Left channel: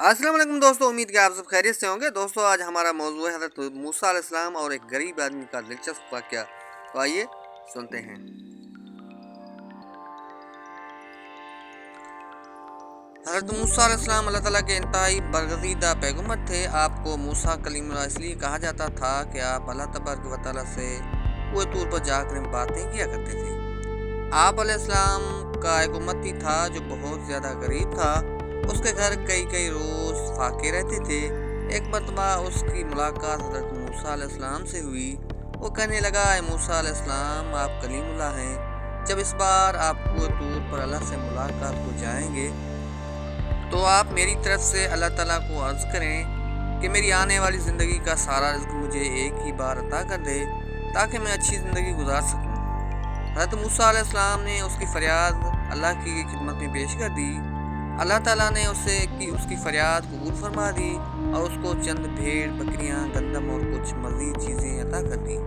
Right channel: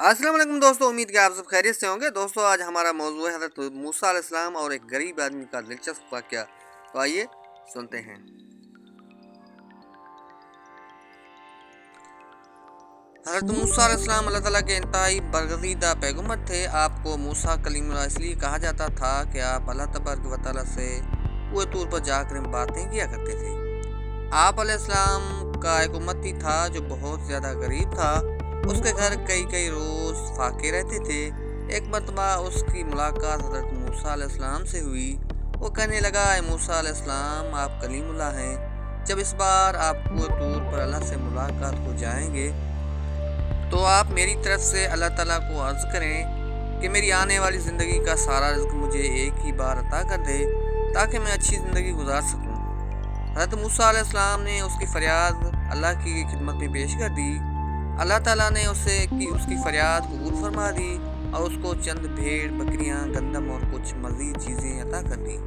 अस्सलाम वालेकुम दोस्तों, उम्मीद कि आप सब खैरियत से होंगे। दोस्तों आज हमारा मौजू है हज़रत मूसा अलैहिस्सलाम और एक गरीब आदमी का दिलचस्प वाक़या। तो आइए सुनते हैं। हज़रत मूसा अलैहिस्सलाम अल्लाह ताला के इंतहाई बरगज़ीदा पैगम्बर थे। आपको मूसा कलीमुल्लाह इसलिए कहा जाता था कि आप अल्लाह तबारक व तआला से पूरे तौर पर जाकर बातें किया करते थे। आप अलैहिस्सलाम का एक उम्मती था जो बहुत ज़्यादा गरीब था। उसके घर कई कई रोज़ फाके रहते थे। एक मरतबा उसकी मुलाकात हज़रत मूसा अलैहिस्सलाम से हुई। वो कहने लगा, ए मूसा अलैहिस्सलाम, आप कलीमुल्लाह हैं। जब इस बार आप पूरे तौर पर अल्लाह से मुलाकात को जाएंगे तो आप मेरी तरफ से अल्लाह ताला को अर्ज़ करें कि मेरी आने वाली ज़िंदगी का सारा रिज़्क मुझे एक ही बार अता कर दे ताकि मैं अच्छी ज़िंदगी गुजार सकूं। हज़रत मूसा अलैहिस्सलाम ने उसकी फ़रियाद अल्लाह की खिदमत में पेश कर दी। अल्लाह ताला ने उसकी फ़रियाद कबूल फरमा दी और उसको चंद भेड़, बकरियां, गंदम और कुछ मज़ीद चीज़ें अता कर दी।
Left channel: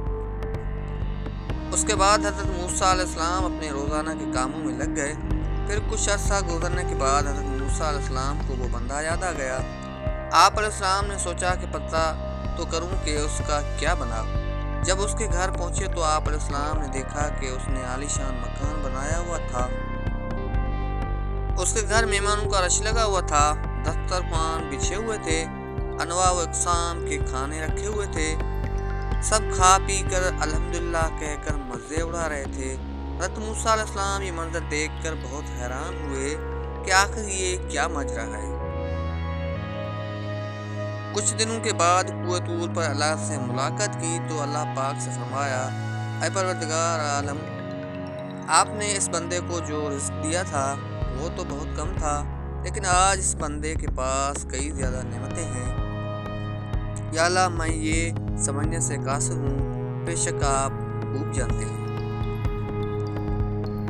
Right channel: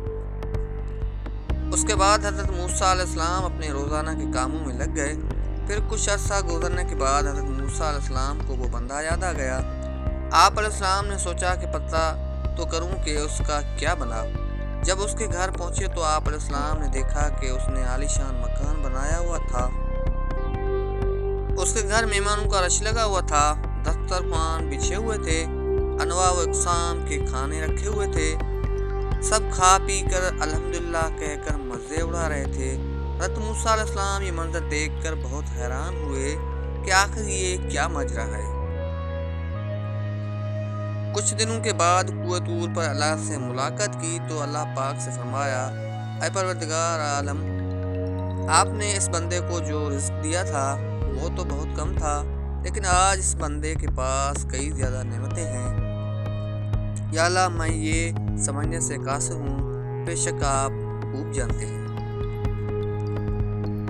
उसके बाद हज़रत मूसा अलैहिस्सलाम अपने रोज़ाना के कामों में लग गए। फिर कुछ अर्सा गुजरने के बाद हज़रत मूसा अलैहिस्सलाम को वो बंदा याद आ गया। आप अलैहिस्सलाम ने सोचा कि पता तो करूं कि उसका क्या बना। जब उसके घर पहुंचे तो आप अलैहिस्सलाम ने देखा कि उसने आलीशान मकान बनाया हुआ था। उसके घर मेहमानों का रश लगा हुआ था। दस्तरखान बिछे हुए थे, अनवा व अक़साम के खाने रखे हुए थे। सब खा पी कर अल्हम्दुलिल्लाह कहकर मज़े उड़ा रहे थे। हज़रत मूसा अलैहिस्सलाम ये मंजर देखकर बहुत हैरान हुए कि आखिर ये क्या माजरा है। कुछ दिनों के बाद पूरे तौर पर अल्लाह से मुलाकात की तो अल्लाह पाक से फरमाया, ऐ परवरदिगार आलम, आपने इस बंदे को जो रिज़्क दिया था वो तो बहुत कम था, लेकिन आज इस बंदे के पास कई ज़्यादा नेमतें हैं। या अल्लाह, मैं ये समझने से कासिर हूँ, बेशक आप खूब जानते हैं।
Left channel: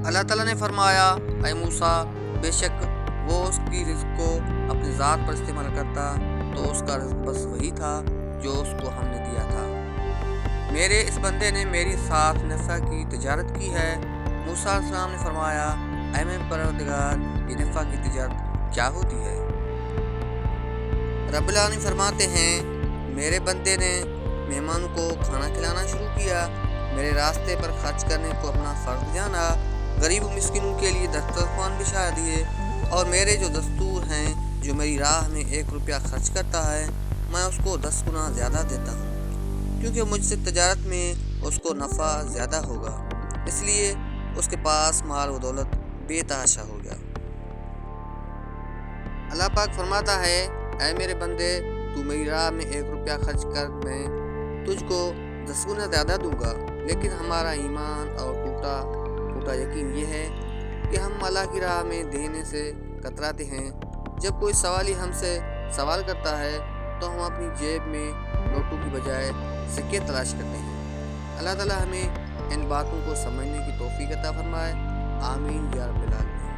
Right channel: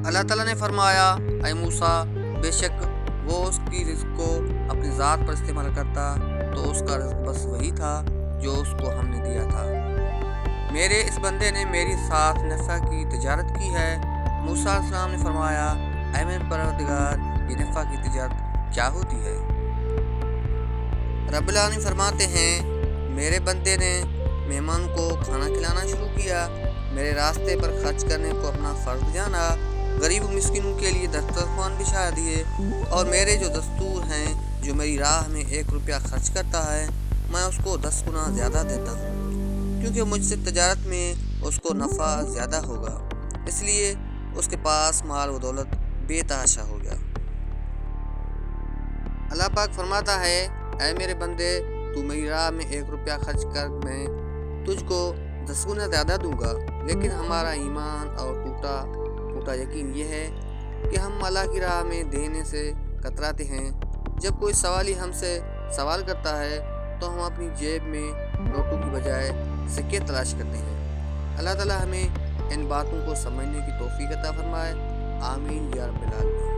अल्लाह ताला ने फरमाया, ऐ मूसा, बेशक वो उसकी रिज़्क को अपनी ज़ात पर इस्तेमाल करता तो उसका रिज़्क बस वही था जो उसको हमने दिया था। मेरे इस बंदे ने मेरी साथ नफ़ा की तिजारत की है। मूसा अलैहिस्सलाम ने फरमाया, ऐ मेरे परवरदिगार, ये नफ़ा की तिजारत क्या होती है? रब्बुल आलमीन फरमाते हैं, मेरे बंदे ने मेहमानों को खाना खिलाना शुरू किया, मेरे रास्ते पर खर्च करने को अपना फ़र्ज जाना, गरीब मिस्किनों के लिए दस्तरखान बिछा दिए, और मेरे जो दस्तूर हैं, जो मेरी राह में 1 रुपया खर्च करता है, मैं उसको 10 गुना ज़्यादा देता हूँ, क्योंकि मुझसे तजारत में उसको नफ़ा ज़्यादा होगा, इसलिए उसके पास माल व दौलत बेतहाशा हो गया। अल्लाह पाक फरमाता है, ऐ मेरे बंदे, तू मेरी राह में 1 रुपया खर्च कर, मैं तुझको 10 गुना ज़्यादा दूंगा। लेकिन हमारा ईमान और टूटा यकीन ये है कि हम अल्लाह की राह में देने से कतराते हैं। जब कोई सवाली हमसे सवाल करता है तो हम अपनी जेब में नोटों की बजाय सिक्के तलाश करते हैं। अल्लाह ताला हमें इन बातों को समझने की तौफीक अता फरमाए। आमीन या रब्बिल आलमीन।